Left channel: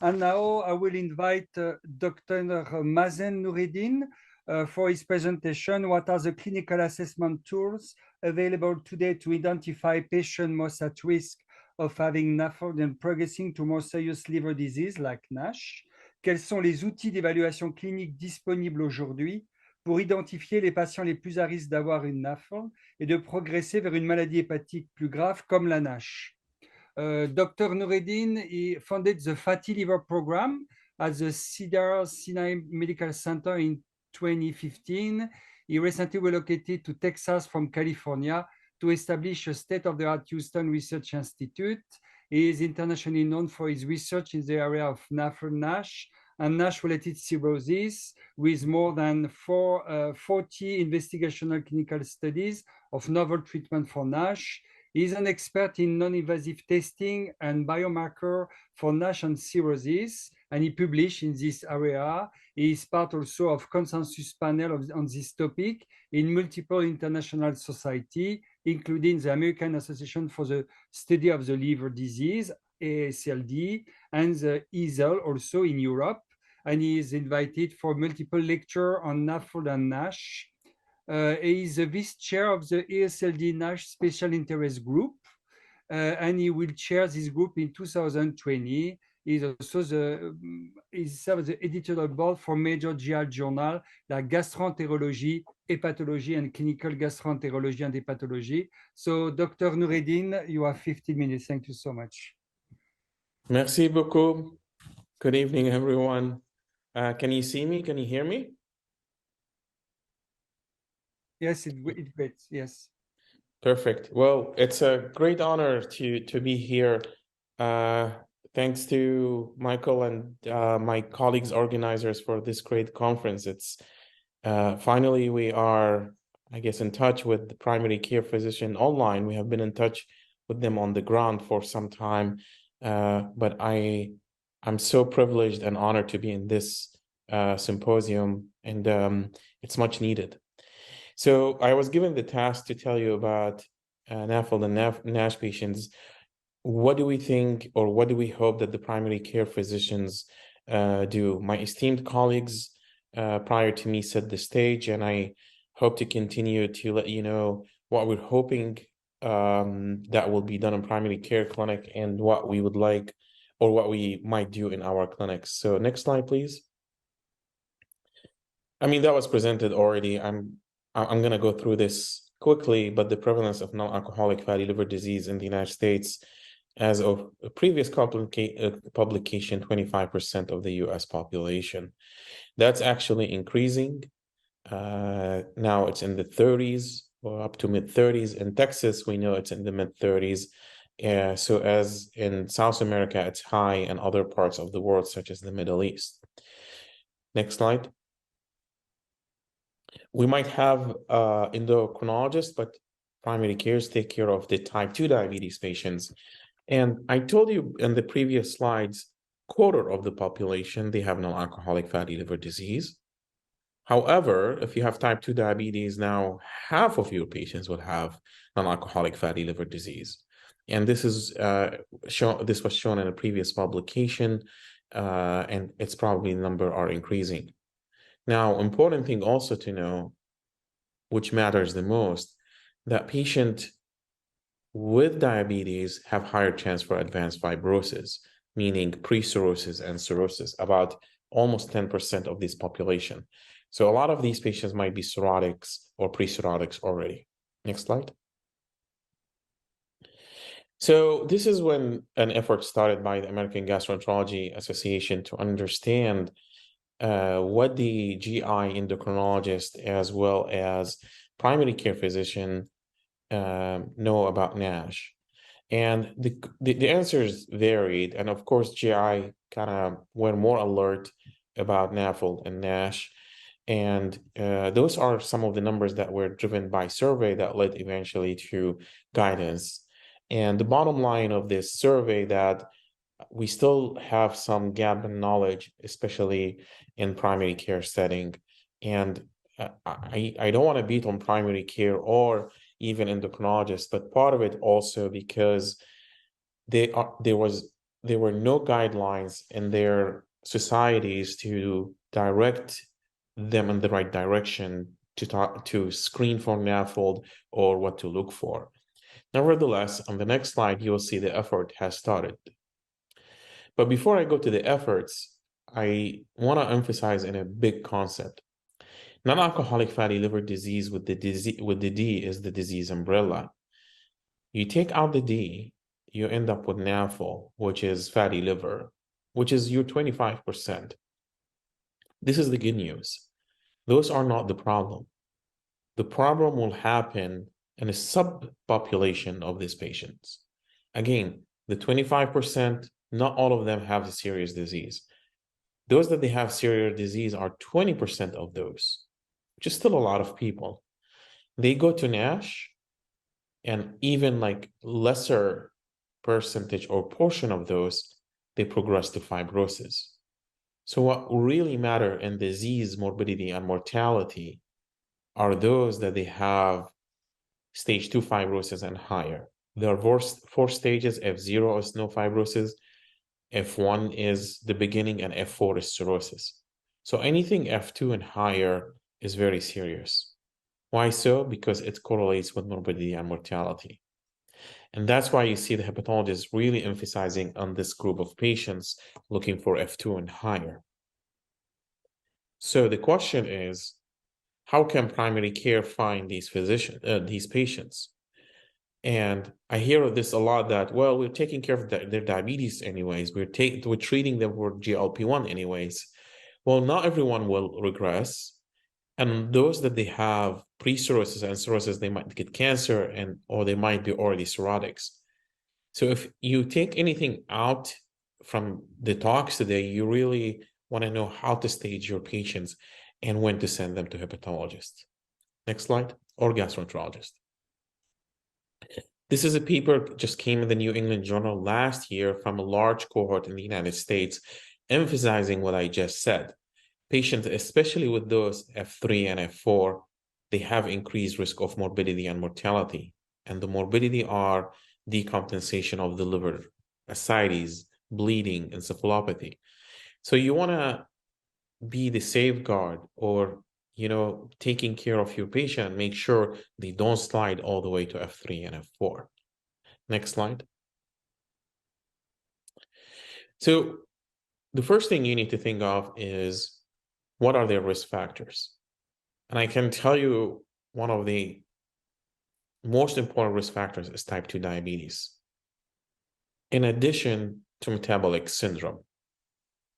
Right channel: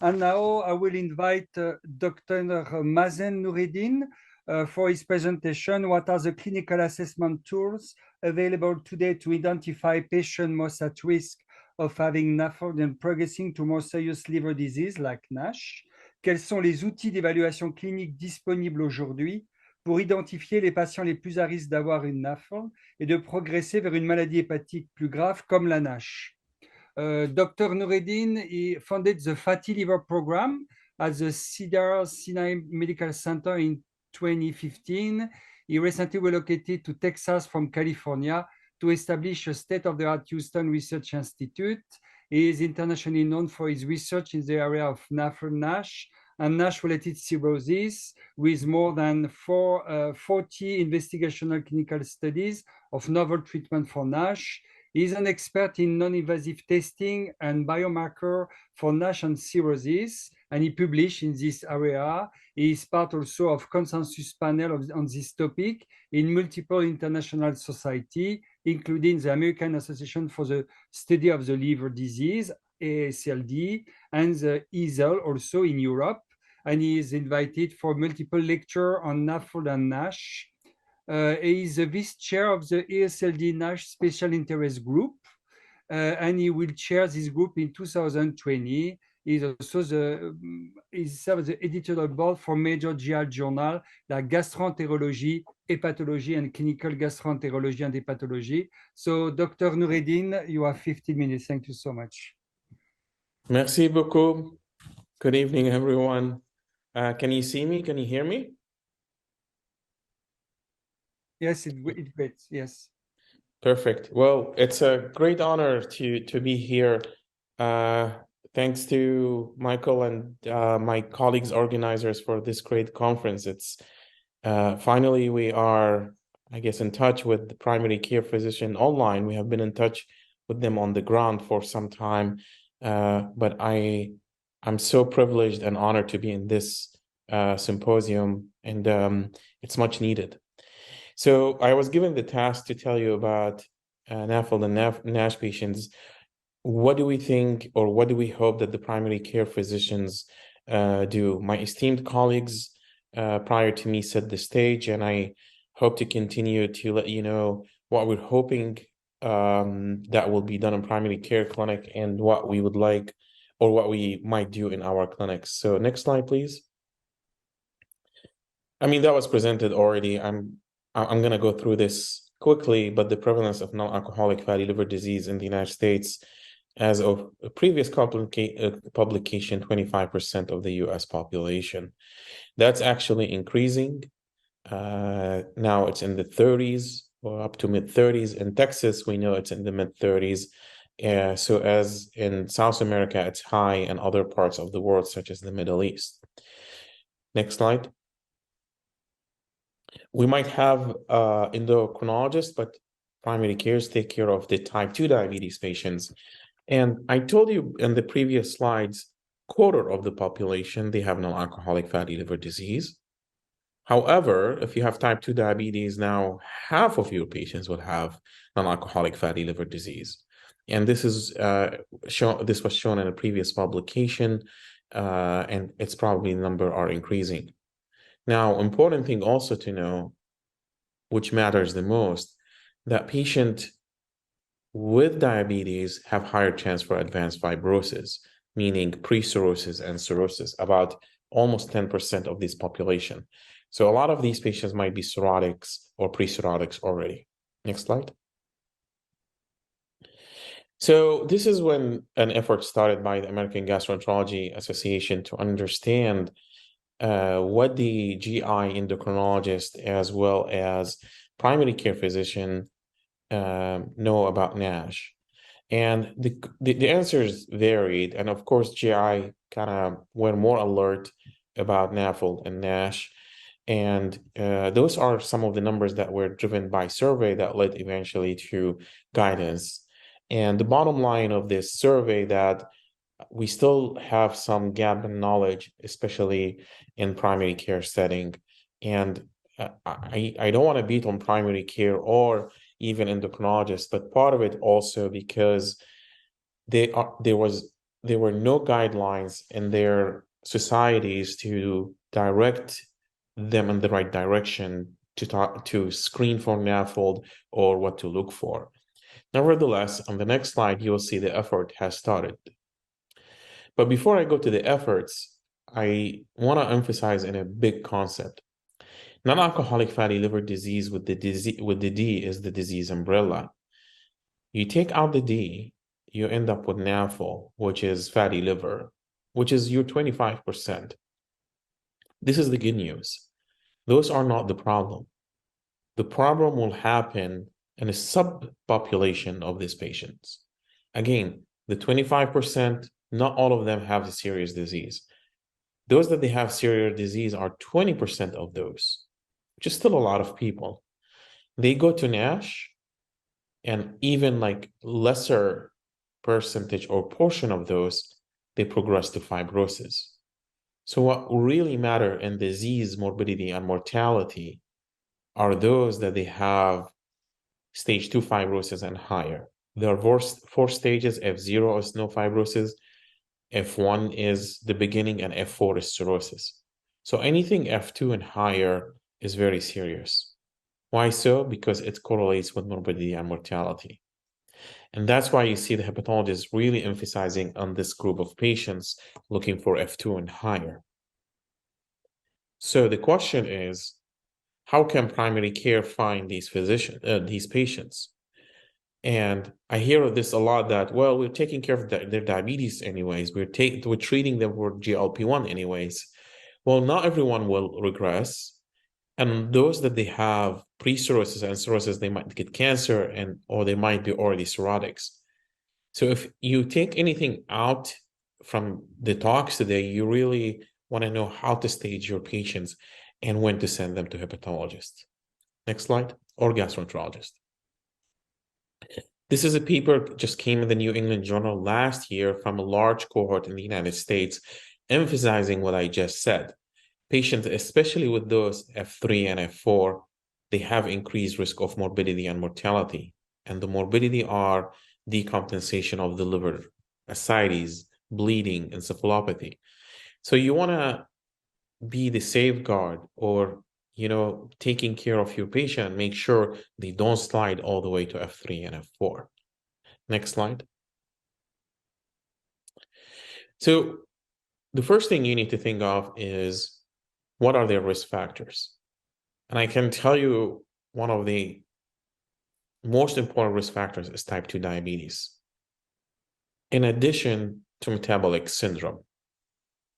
And now I will invite Dr. Mazen Noureddin for his presentation. What are the clinical assessment tools available today to identify patients most at risk of having NAFLD and progressing to more serious liver disease like NASH? Quels sont les outils d'évaluation clinique disponibles aujourd'hui pour identifier les patients les plus à risque d'avoir une NAFLD et de progresser vers une maladie hépatique plus grave comme la NASH? Dr. Noureddin, he founded the Fatty Liver Program at the Cedars-Sinai Medical Center in 2015. He recently relocated to Texas from California to establish a state-of-the-art Houston Research Institute. He is internationally known for his research in the area of NAFLD-NASH and NASH-related cirrhosis, with more than 40 investigational clinical studies of novel treatment for NASH. He is an expert in non-invasive testing and biomarker for NASH and cirrhosis, and he published in this area. He is part also of consensus panel on this topic in multiple international society, including the American Association for the Study of the Liver Disease, AASLD, and the EASL also in Europe. And he is invited for multiple lectures on NAFLD and NASH. He is the vice chair of the ASLD NASH Special Interest Group, and he will chair this group in 2020. He's also the editorial board for major GI journal like Gastroenterology, Hepatology, and Clinical Gastroenterology and Hepatology. So, Dr. Noureddin, you have 15 minutes. Thank you so much. Merci beaucoup. Good evening, everyone. Can you see me? Can you hear me? Yes, it's great. Yes. Perfect. Well, it's a great honor to be here. Thanks to Michael and my colleagues organizers for this great conference. It's finally we are, I guess, in touch with the primary care physician online. We have been in touch with them on the ground for some time, but I'm so privileged and honored to be in this symposium, and it's much needed. So I was given the task to tell you about NAFLD and NASH patients. What do we think, or what do we hope that the primary care physicians do? My esteemed colleagues prior to me set the stage, and I hope to continue to let you know what we're hoping that will be done in primary care clinic and what we would like or what we might do in our clinics. So next slide, please. I mean, that was presented already. I'm going to go through this quickly, but the prevalence of non-alcoholic fatty liver disease in the United States, as of a previous publication, 25% of the US population. That's actually increasing. Now it's in the 30s or up to mid-30s. In Texas, we know it's in the mid-30s. So as in South America, it's high in other parts of the world, such as the Middle East. Next slide. We might have endocrinologists, but primary cares take care of the type 2 diabetes patients. And I told you in the previous slides, quarter of the population, they have non-alcoholic fatty liver disease. However, if you have type 2 diabetes, now half of your patients will have non-alcoholic fatty liver disease. And this is this was shown in a previous publication, and it's probably the number are increasing. Now, important thing also to know, which matters the most, that patient with diabetes have higher chance for advanced fibrosis, meaning pre-cirrhosis and cirrhosis, about almost 10% of this population. So a lot of these patients might be cirrhotics or pre-cirrhotics already. Next slide. So this is when an effort started by the American Gastroenterology Association to understand what the GI endocrinologist as well as primary care physician know about NASH. And the answers varied. And of course, GI kind of were more alert about NAFLD and NASH. And those are some of the numbers that were driven by survey that led eventually to guidance. And the bottom line of this survey that we still have some gap in knowledge, especially in primary care setting. And I don't want to beat on primary care or even endocrinologists, but part of it also because there was there were no guidelines in their societies to direct them in the right direction to screen for NAFLD or what to look for. Nevertheless, on the next slide, you will see the effort has started. But before I go to the efforts, I want to emphasize in a big concept. Non-alcoholic fatty liver disease with the D is the disease umbrella. You take out the D, you end up with NAFL, which is fatty liver, which is your 25%. This is the good news. Those are not the problem. The problem will happen in a subpopulation of these patients. Again, the 25%, not all of them have a serious disease. Those that they have serious disease are 20% of those, which is still a lot of people. They go to NASH, and even like lesser percentage or portion of those, they progress to fibrosis. So what really matter in disease morbidity and mortality are those that they have stage 2 fibrosis and higher. There are four stages. F0 is no fibrosis, F1 is the beginning, and F4 is cirrhosis. So anything F2 and higher is very serious. Why so? Because it correlates with morbidity and mortality. And that's why you see the hepatologist really emphasizing on this group of patients looking for F2 and higher. So the question is, how can primary care find these patients? And I hear this a lot that, well, we're taking care of their diabetes anyways. We're treating them for GLP-1 anyways. Well, not everyone will regress. And those that they have pre-cirrhosis and cirrhosis, they might get cancer or they might be already cirrhotics. So if you take anything out from the talks today, you really want to know how to stage your patients and when to send them to hepatologist. Next slide, or gastroenterologist. This is a paper just came in the New England Journal last year from a large cohort in the United States, emphasizing what I just said. Patients, especially with those F3 and F4, they have increased risk of morbidity and mortality. And the morbidity are decompensation of the liver, ascites, bleeding, encephalopathy. So you want to be the safeguard or, taking care of your patient, make sure they don't slide all the way to F3 and F4. Next slide. So the first thing you need to think of is, what are their risk factors? And I can tell you one of the most important risk factors is type 2 diabetes, in addition to metabolic syndrome.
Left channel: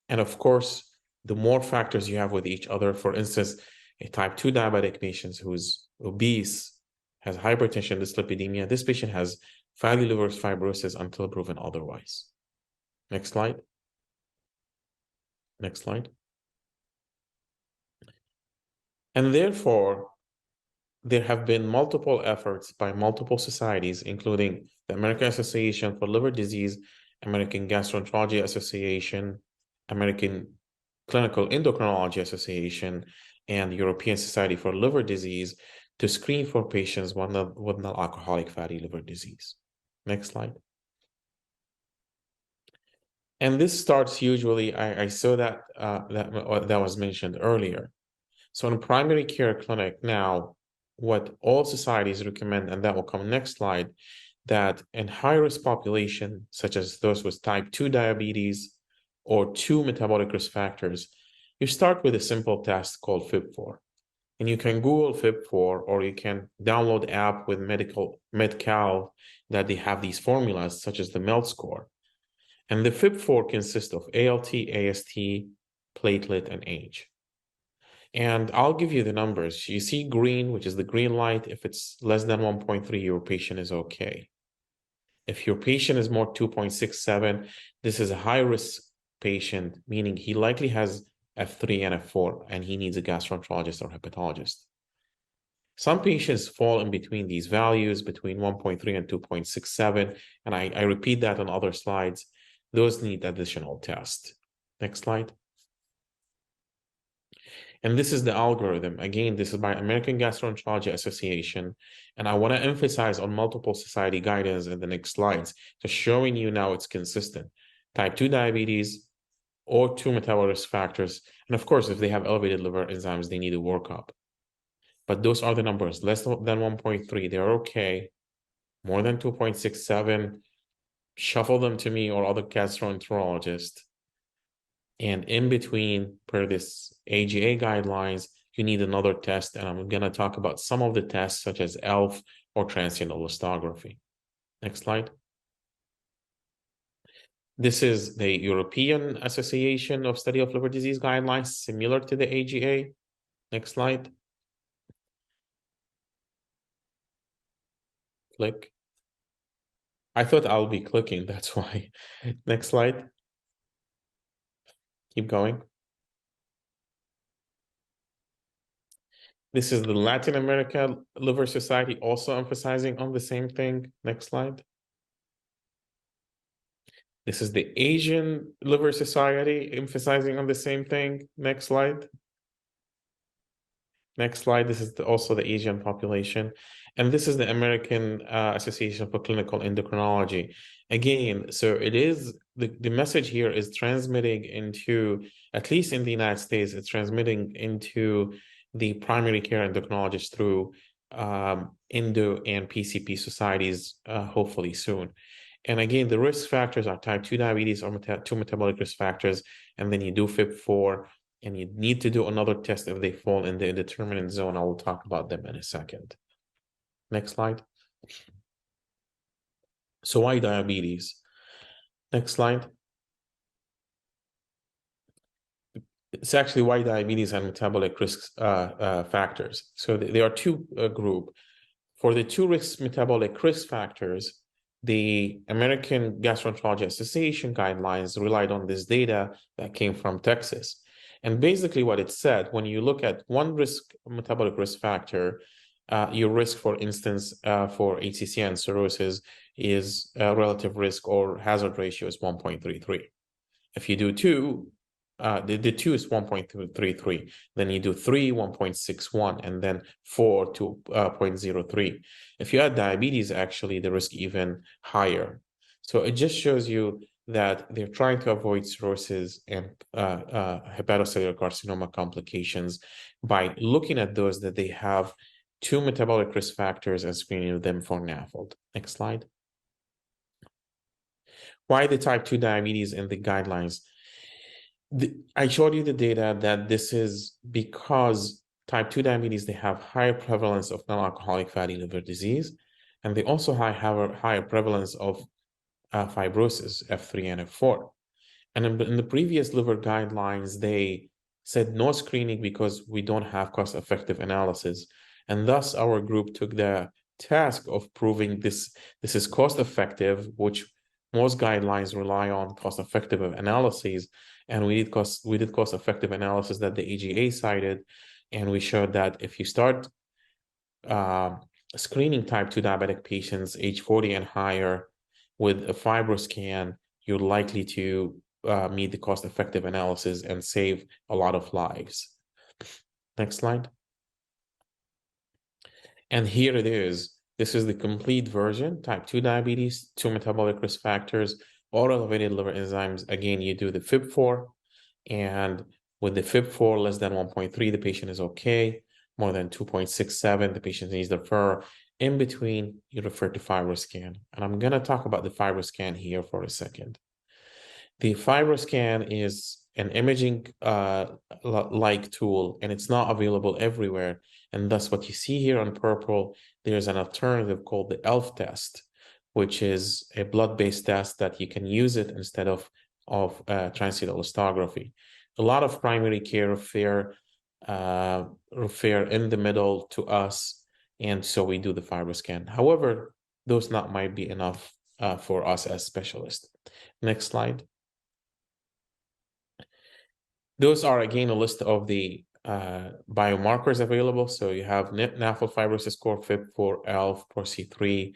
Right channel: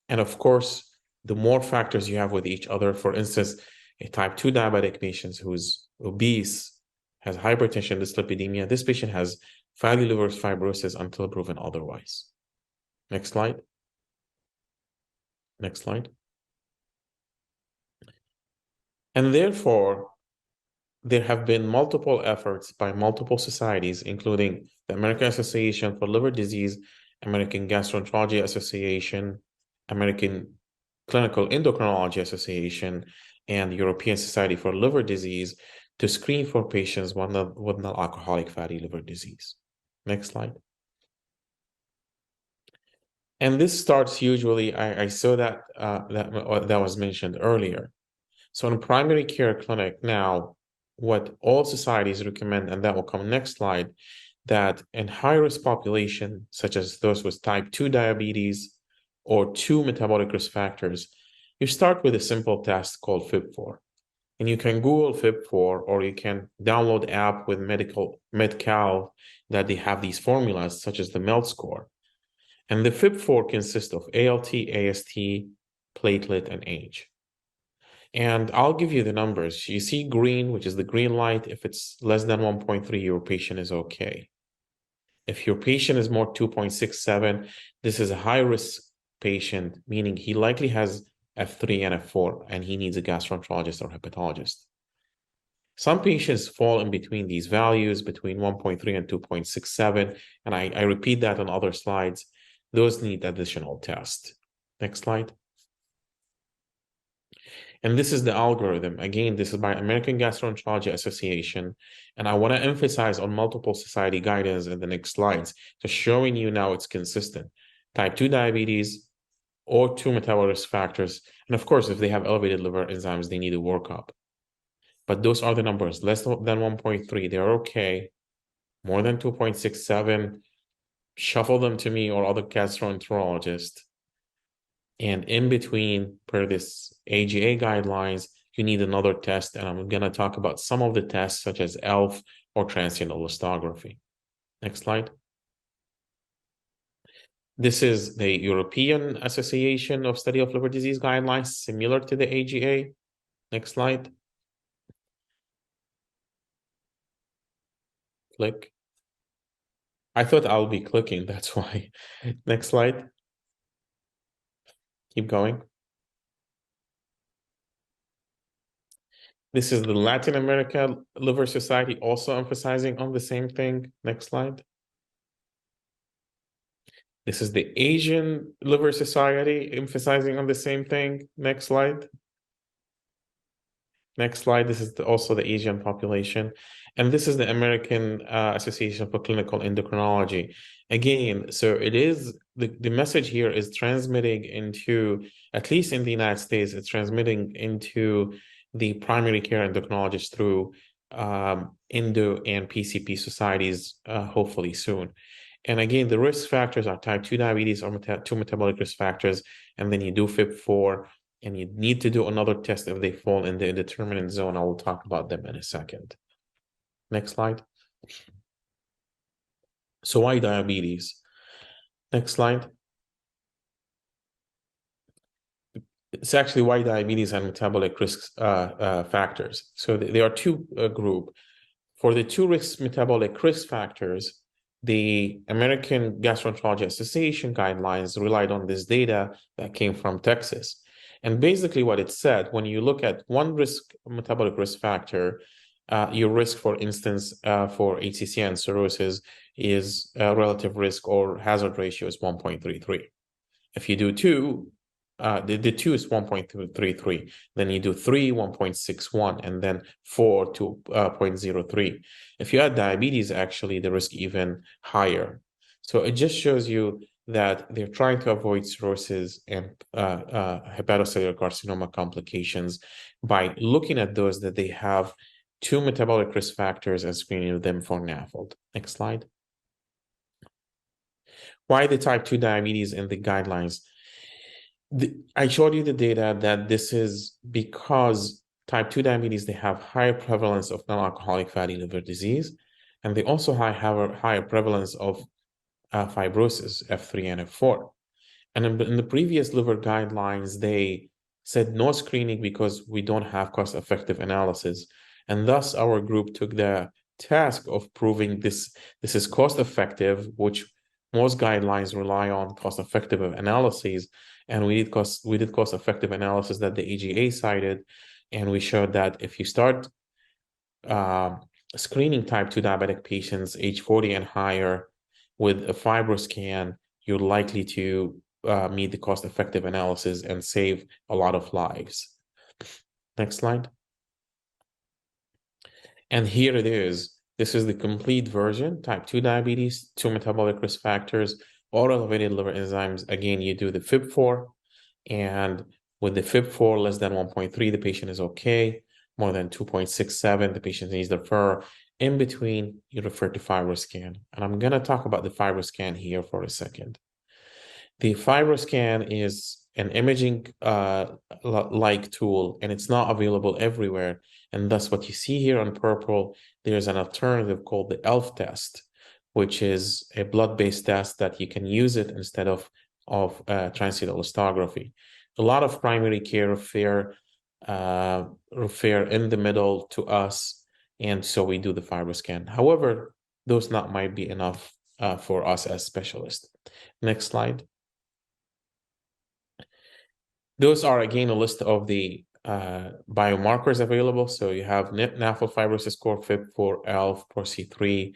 And of course, the more factors you have with each other, for instance, a type 2 diabetic patient who's obese, has hypertension, dyslipidemia, this patient has fatty liver fibrosis until proven otherwise. Next slide. Next slide. And therefore, there have been multiple efforts by multiple societies, including the American Association for Liver Disease, American Gastroenterology Association, American Clinical Endocrinology Association, and the European Society for Liver Disease to screen for patients with non-alcoholic fatty liver disease. Next slide. And this starts usually, I saw that that was mentioned earlier. So in primary care clinic now, what all societies recommend, and that will come next slide, that in high-risk population, such as those with type 2 diabetes or 2 metabolic risk factors, you start with a simple test called FIB4. And you can Google FIB4, or you can download the app with Medcal that they have these formulas, such as the MELT score. And the FIB4 consists of ALT, AST, platelet, and age. And I'll give you the numbers. You see green, which is the green light. If it's less than 1.3, your patient is okay. If your patient is more 2.67, this is a high-risk patient, meaning he likely has F3 and F4, and he needs a gastroenterologist or hepatologist. Some patients fall in between these values, between 1.3 and 2.67, and I repeat that on other slides. Those need additional tests. Next slide. And this is the algorithm. Again, this is by American Gastroenterology Association. And I want to emphasize on multiple society guidance in the next slides, just showing you now it's consistent. type 2 diabetes, or 2 metabolic risk factors. And of course, if they have elevated liver enzymes, they need a workup. But those are the numbers, less than 1.3, they're okay. More than 2.67, shuffle them to me or other gastroenterologist. And in between, per this AGA guidelines, you need another test. And I'm going to talk about some of the tests, such as ELF or transient elastography. Next slide. This is the European Association of Study of Liver Disease guidelines, similar to the AGA. Next slide. Click. I thought I'll be clicking, that's why. Next slide. Keep going. This is the Latin America Liver Society, also emphasizing on the same thing. Next slide. This is the Asian Liver Society, emphasizing on the same thing. Next slide. Next slide. This is also the Asian population. And this is the American Association for Clinical Endocrinology. Again, so it is, the message here is transmitting into, at least in the United States, it's transmitting into the primary care endocrinologist through endo and PCP societies, hopefully soon. And again, the risk factors are type 2 diabetes or 2 metabolic risk factors, and then you do FIB4, and you need to do another test if they fall in the indeterminate zone. I will talk about them in a second. Next slide. So why diabetes? Next slide. It's actually why diabetes and metabolic risk factors. So there are two groups. For the 2 metabolic risk factors, the American Gastroenterology Association guidelines relied on this data that came from Texas. And basically what it said, when you look at one metabolic risk factor, your risk, for instance, for HCC and cirrhosis is relative risk or hazard ratio is 1.33. If you do 2, the 2 is 1.33, then you do 3, 1.61, and then 4, 2.03. If you add diabetes, actually, the risk even higher. So it just shows you that they're trying to avoid cirrhosis and hepatocellular carcinoma complications by looking at those that they have 2 metabolic risk factors and screening them for NAFLD. Next slide. Why the type 2 diabetes in the guidelines? I showed you the data that this is because type 2 diabetes, they have higher prevalence of non-alcoholic fatty liver disease, and they also have higher prevalence of fibrosis, F3 and F4. And in the previous liver guidelines, they said no screening because we don't have cost-effective analysis. And thus our group took the task of proving this is cost-effective, which most guidelines rely on cost-effective analyses, and we did cost-effective analysis that the AGA cited, and we showed that if you start screening type 2 diabetic patients age 40 and higher with a FibroScan, you're likely to meet the cost-effective analysis and save a lot of lives. Next slide. And here it is. This is the complete version, type 2 diabetes, 2 metabolic risk factors, or elevated liver enzymes. Again, you do the FIB4, and with the FIB4 less than 1.3, the patient is okay. More than 2.67, the patient needs to refer. In between, you refer to FibroScan. And I'm going to talk about the FibroScan here for a second. The FibroScan is an imaging like tool, and it's not available everywhere. And thus what you see here in purple, there's an alternative called the ELF test, which is a blood-based test that you can use it instead of transient elastography. A lot of primary care refer in the middle to us, and so we do the FibroScan. However, those might be enough for us as specialists. Next slide. Those are, again, a list of the biomarkers available. So you have NAFLD fibrosis score, FIB4, ELF, PRO-C3,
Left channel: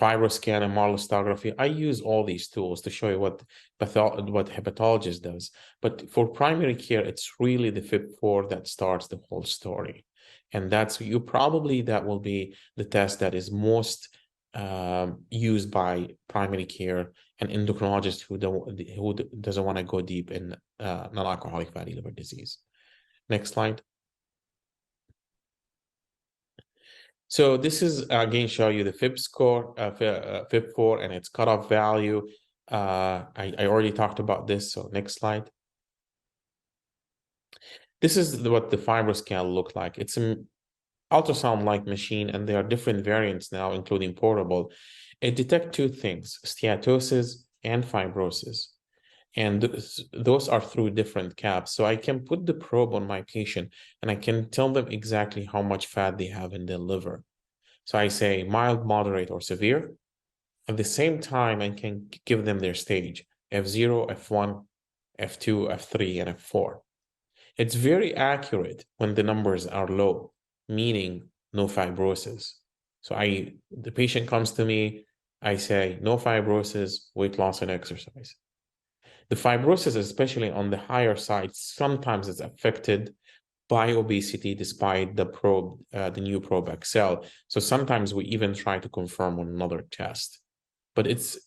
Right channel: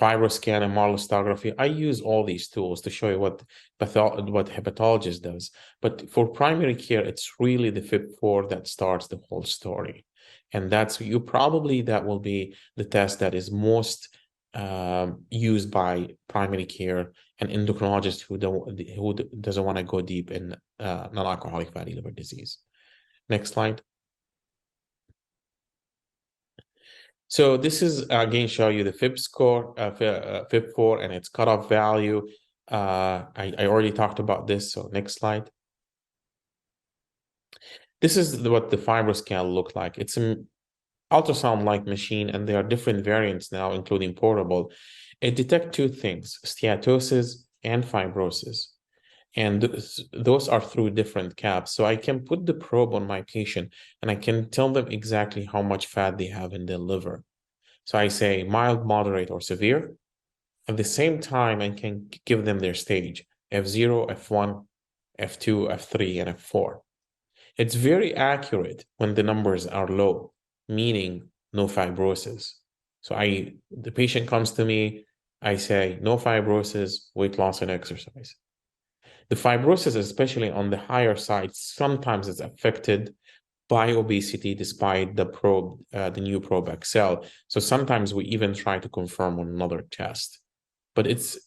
FibroScan, and elastography. I use all these tools to show you what hepatologist does. But for primary care, it's really the FIB4 that starts the whole story. And that will be the test that is most used by primary care an endocrinologist who doesn't want to go deep in non-alcoholic fatty liver disease. Next slide. So this is again show you the Fib score, Fib4 and its cutoff value. I already talked about this, so next slide. This is what the FibroScan look like. It's an ultrasound-like machine, and there are different variants now, including portable. It detects two things, steatosis and fibrosis. And those are through different caps. So I can put the probe on my patient, and I can tell them exactly how much fat they have in their liver. So I say mild, moderate, or severe. At the same time, I can give them their stage, F0, F1, F2, F3, and F4. It's very accurate when the numbers are low, meaning no fibrosis. So the patient comes to me, I say no fibrosis, weight loss, and exercise. The fibrosis, especially on the higher side, sometimes is affected by obesity despite the probe, the new probe XL. So sometimes we even try to confirm on another test. But it's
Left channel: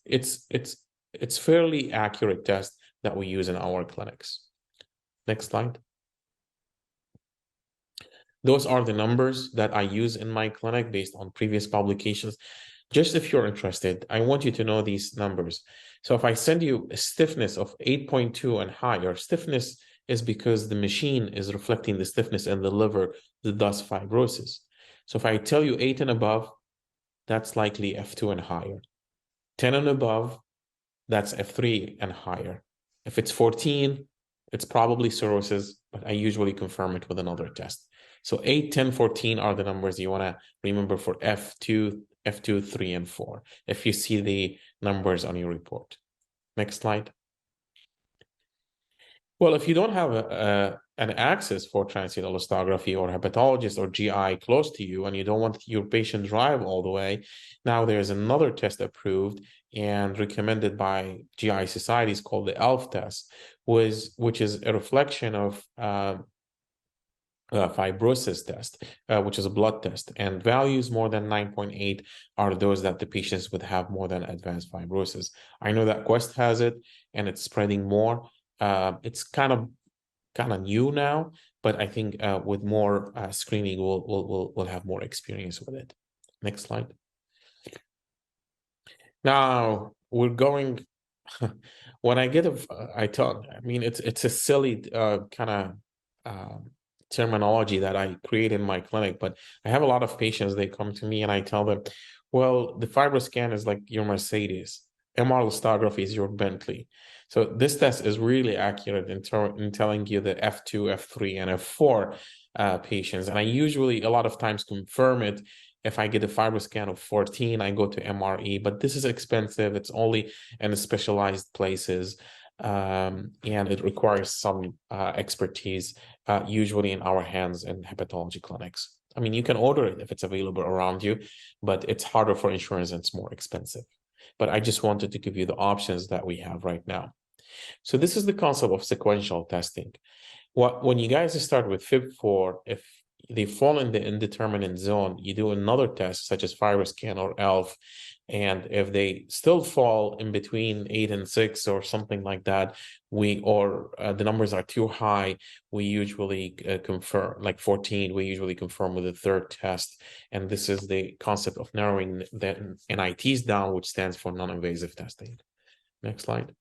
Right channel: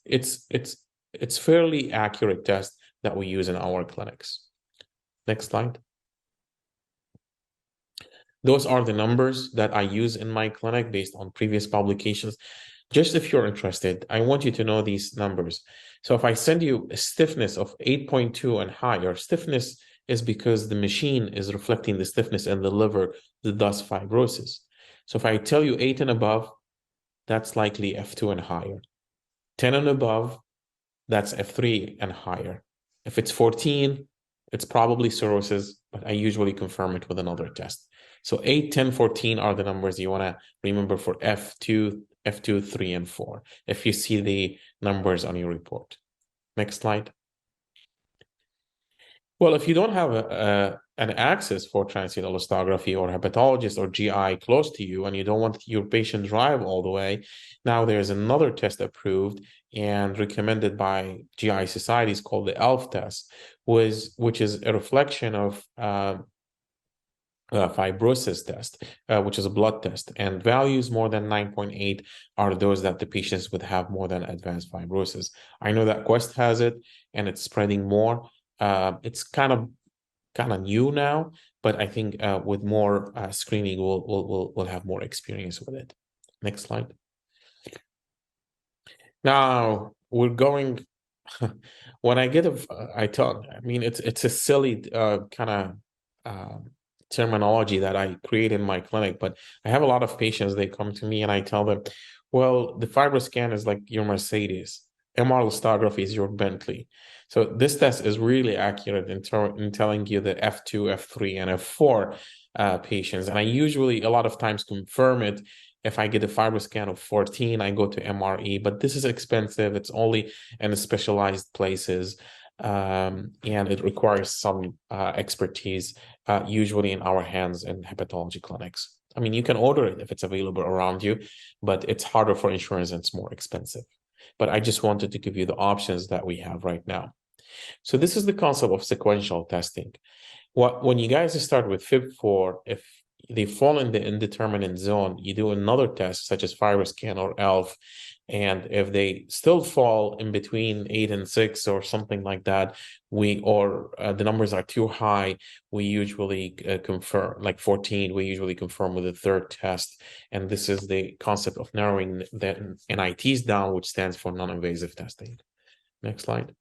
fairly accurate test that we use in our clinics. Next slide. Those are the numbers that I use in my clinic based on previous publications. Just if you're interested, I want you to know these numbers. So if I send you a stiffness of 8.2 and higher, stiffness is because the machine is reflecting the stiffness in the liver, thus fibrosis. So if I tell you 8 and above, that's likely F2 and higher. 10 and above, that's F3 and higher. If it's 14, it's probably cirrhosis, but I usually confirm it with another test. So 8, 10, 14 are the numbers you want to remember for F2, 3, and 4, if you see the numbers on your report. Next slide. Well, if you don't have an access for transit elastography or hepatologist or GI close to you, and you don't want your patient drive all the way, now there's another test approved and recommended by GI societies called the ELF test, which is a reflection of fibrosis test, which is a blood test, and values more than 9.8 are those that the patients would have more than advanced fibrosis. I know that Quest has it, and it's spreading more. It's kind of new now, but I think with more screening, we'll have more experience with it. Next slide. Now we're going. When I get I mean, it's a silly kind of terminology that I create in my clinic, but I have a lot of patients, they come to me and I tell them, well, the FibroScan is like your Mercedes, MR elastography is your Bentley. So this test is really accurate in telling you the F2, F3, and F4 patients. And I usually, a lot of times, confirm it. If I get a FibroScan of 14, I go to MRE, but this is expensive. It's only in specialized places, and it requires some expertise, usually in our hands in hepatology clinics. I mean, you can order it if it's available around you, but it's harder for insurance and it's more expensive. But I just wanted to give you the options that we have right now. So this is the concept of sequential testing. When you guys start with Fib4, if they fall in the indeterminate zone, you do another test such as FibroScan or ELF, and if they still fall in between 8 and 6 or something like that, the numbers are too high, we usually confirm, like 14, we usually confirm with a third test. And this is the concept of narrowing the NITs down, which stands for non-invasive testing. Next slide.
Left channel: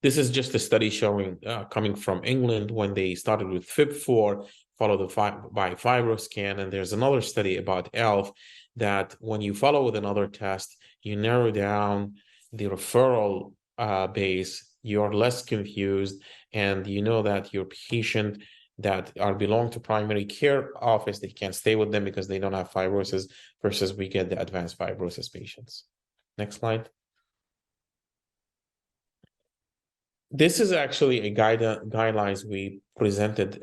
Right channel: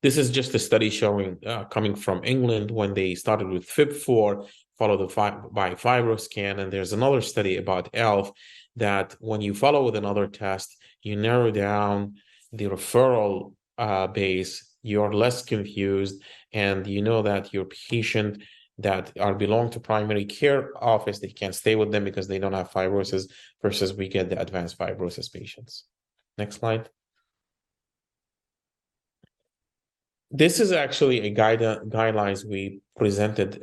This is just a study showing, coming from England, when they started with Fib4, followed by FibroScan, and there's another study about ELF, that when you follow with another test, you narrow down the referral base, you're less confused, and you know that your patient that belong to primary care office, they can't stay with them because they don't have fibrosis, versus we get the advanced fibrosis patients. Next slide. This is actually a guidelines we presented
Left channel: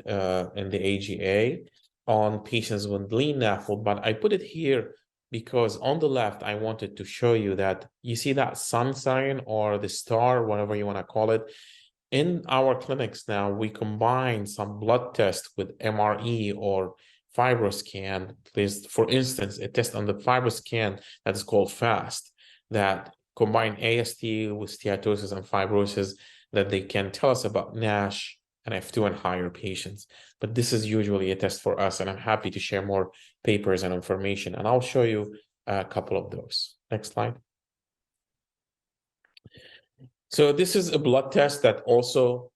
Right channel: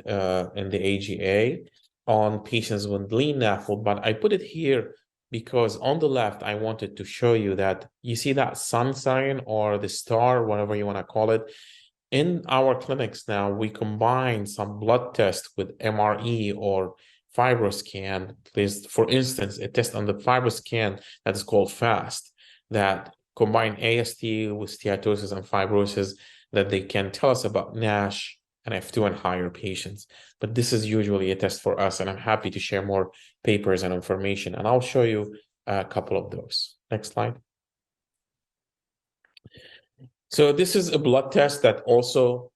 in the AGA on patients with lean NAFLD, but I put it here because on the left, I wanted to show you that you see that sun sign or the star, whatever you want to call it. In our clinics now, we combine some blood tests with MRE or FibroScan. There's, for instance, a test on the FibroScan that is called FAST, that combine AST with steatosis and fibrosis, that they can tell us about NASH and F2 and higher patients. But this is usually a test for us, and I'm happy to share more papers and information, and I'll show you a couple of those. Next slide. So this is a blood test that also,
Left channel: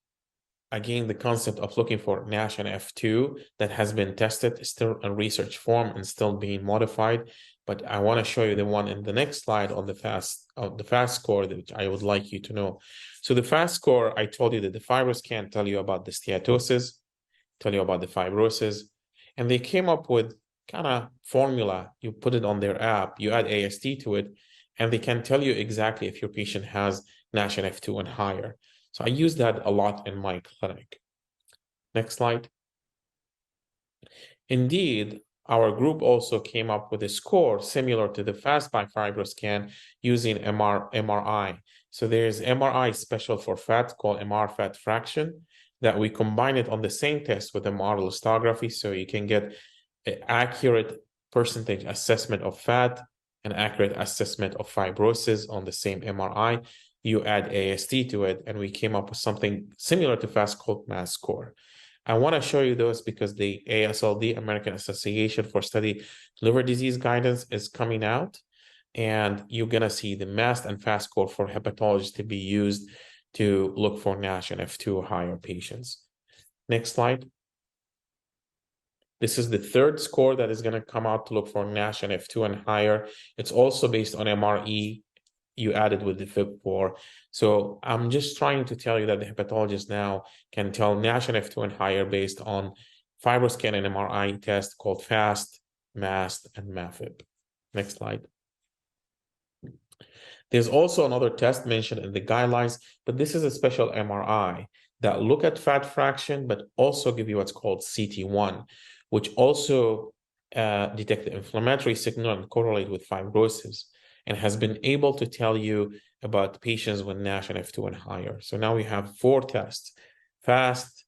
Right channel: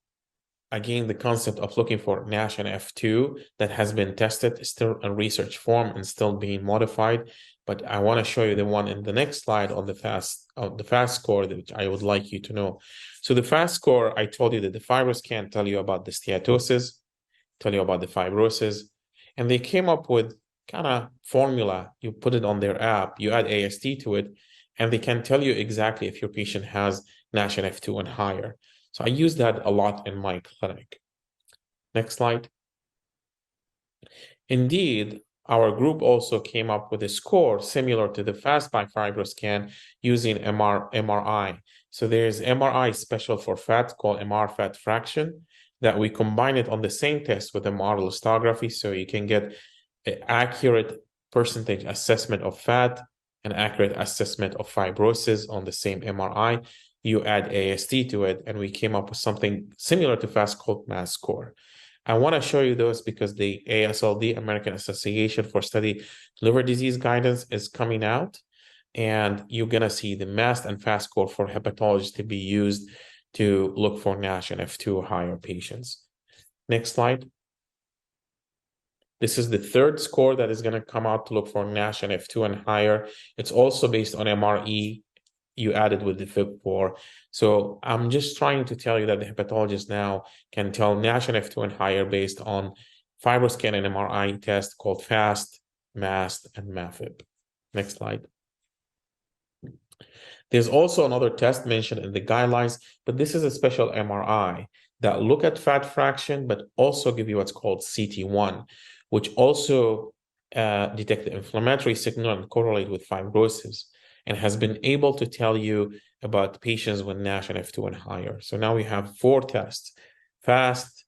again, the concept of looking for NASH and F2 that has been tested is still in research form and still being modified. But I want to show you the one in the next slide on the FAST score, which I would like you to know. So the FAST score, I told you that the FibroScan tell you about the steatosis, tell you about the fibrosis, and they came up with kind of formula. You put it on their app, you add AST to it, and they can tell you exactly if your patient has NASH and F2 and higher. So I use that a lot in my clinic. Next slide. Indeed, our group also came up with a score similar to the FAST by FibroScan using MRI. So there's MRI special for fat called MR fat fraction that we combine it on the same test with a model histography, so you can get an accurate percentage assessment of fat, an accurate assessment of fibrosis on the same MRI. You add AST to it, and we came up with something similar to FAST called MAS score. I want to show you those because the AASLD, American Association for Study Liver Disease Guidance, is coming out, and you're going to see the MAST and FAST score for hepatologists to be used to look for NASH and F2 or higher patients. Next slide. This is the third score that is going to come out to look for NASH and F2 and higher. It's also based on MRE you added with the FIB4. So I'm just trying to tell you that the hepatologist now can tell NASH and F2 and higher based on FibroScan and MRI test called FAST, MAST, and MAFIB. Next slide. There's also another test mentioned in the guidelines, but this is a special MRI that look at fat fraction, but also give you what's called CT1, which also detect the inflammatory signal and correlate with fibrosis, and has been able to tell you about patients with NASH and F2 and higher. So now we have 4 tests: FAST,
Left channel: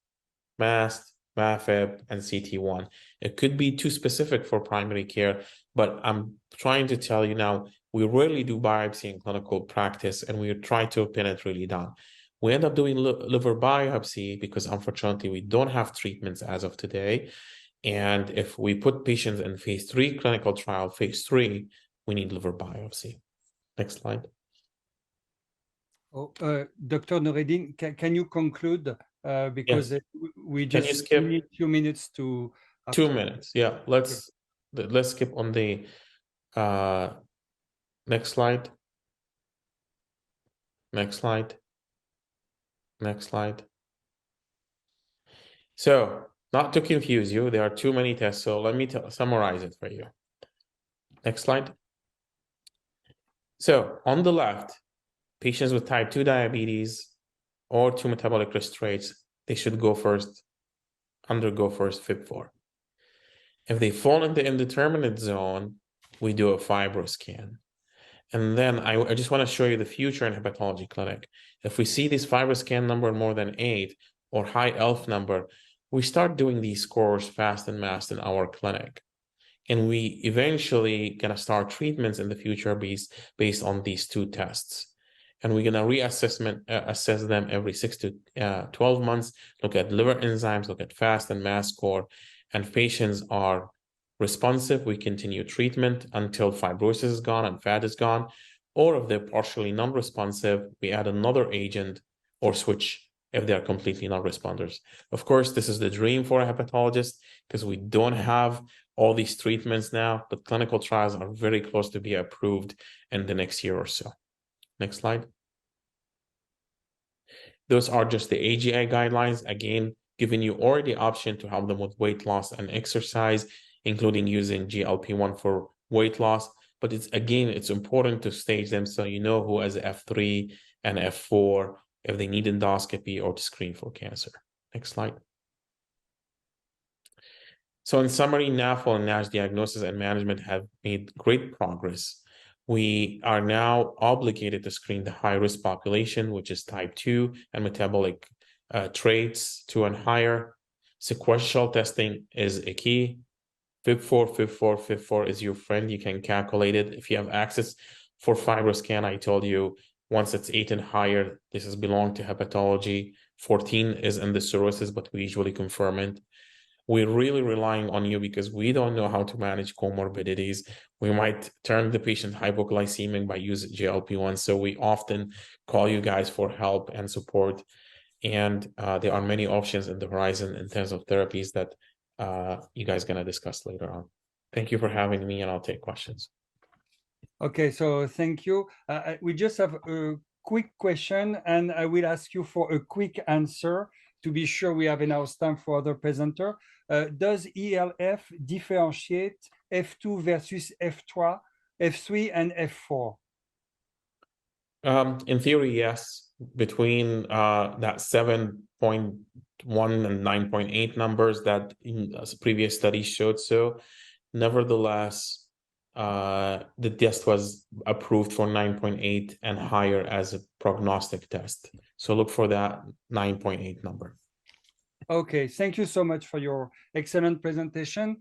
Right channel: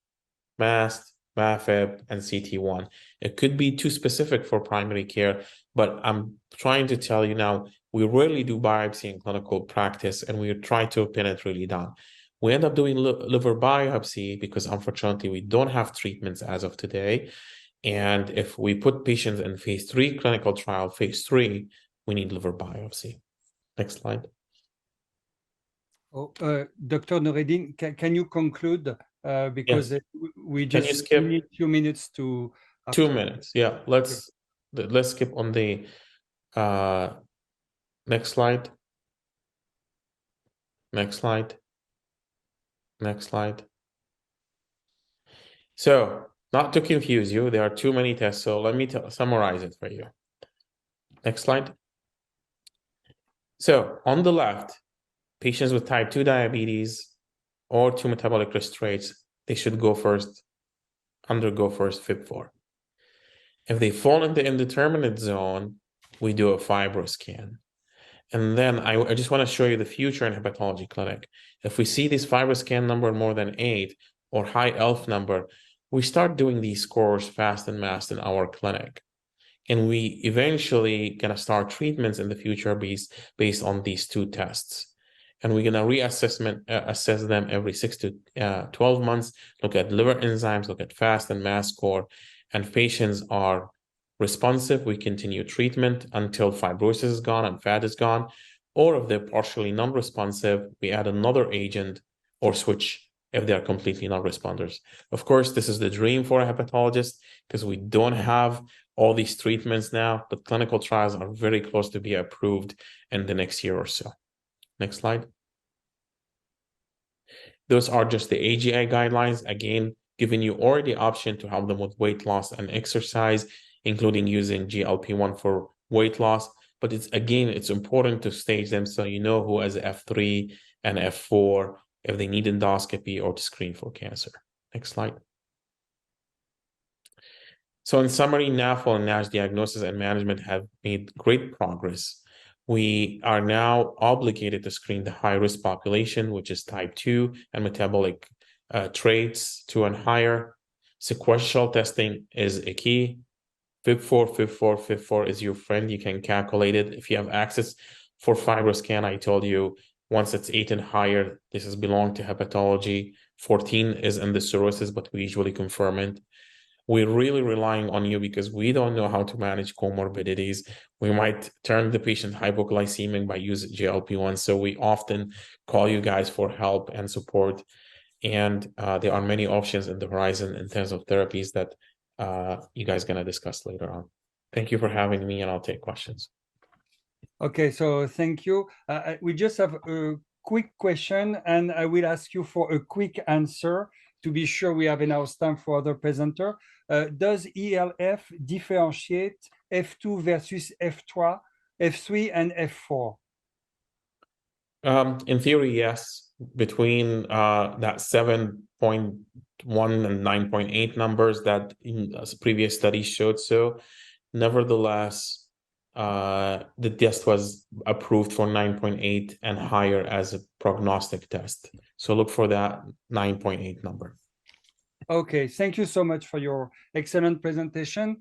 MAST, MAFIB, and CT1. It could be too specific for primary care, but I'm trying to tell you now, we rarely do biopsy in clinical practice, and we try to pin it really down. We end up doing liver biopsy because unfortunately we don't have treatments as of today. And if we put patients in phase 3 clinical trial, phase 3, we need liver biopsy. Next slide. Oh, Dr. Noureddin, can you conclude? Because Yes. we just need 2 minutes to... 2 minutes, yeah. Let's skip on the next slide. Next slide. Next slide. So, not to confuse you, there are too many tests, so let me summarize it for you. Next slide. So, on the left, patients with type 2 diabetes or 2 metabolic risk traits, they should undergo first FIB4. If they fall in the indeterminate zone, we do a FibroScan. And then I just want to show you the future in hepatology clinic. If we see this FibroScan number more than 8 or high ELF number, we start doing these scores FAST and MAST in our clinic. And we eventually going to start treatments in the future based on these 2 tests. And we're going to assess them every 6 to 12 months, look at liver enzymes, look at FAST and MAST score. And if patients are responsive, we continue treatment until fibrosis is gone and fat is gone. Or if they're partially non-responsive, we add another agent or switch if they're completely non-responders. Of course, this is the dream for a hepatologist because we don't have all these treatments now, but clinical trials are very close to be approved in the next year or so. Next slide. Those are just the AGI guidelines, again, giving you already option to help them with weight loss and exercise, including using GLP-1 for weight loss. But it's important to stage them so you know who has F3 and F4, if they need endoscopy or to screen for cancer. Next slide. So in summary, NAFLD and NASH diagnosis and management have made great progress. We are now obligated to screen the high-risk population, which is type 2 and metabolic traits 2 and higher. Sequential testing is a key. FIB4 is your friend. You can calculate it. If you have access For FibroScan, I told you once it's 8 and higher, this is belong to hepatology. 14 is in the cirrhosis, but we usually confirm it. We're really relying on you because we don't know how to manage comorbidities. We might turn the patient hypoglycemic by using GLP-1. So we often call you guys for help and support. And there are many options in the horizon in terms of therapies that you guys are going to discuss later on. Thank you for having me, and I'll take questions. Okay, so thank you. We just have a quick question, and I will ask you for a quick answer to be sure we have enough time for other presenter. Does ELF differentiate F2 versus F3, F3 and F4? In theory, yes. Between that 7.1 and 9.8 numbers that previous studies showed so. Nevertheless, the test was approved for 9.8 and higher as a prognostic test. So look for that 9.8 number. Okay, thank you so much for your excellent presentation.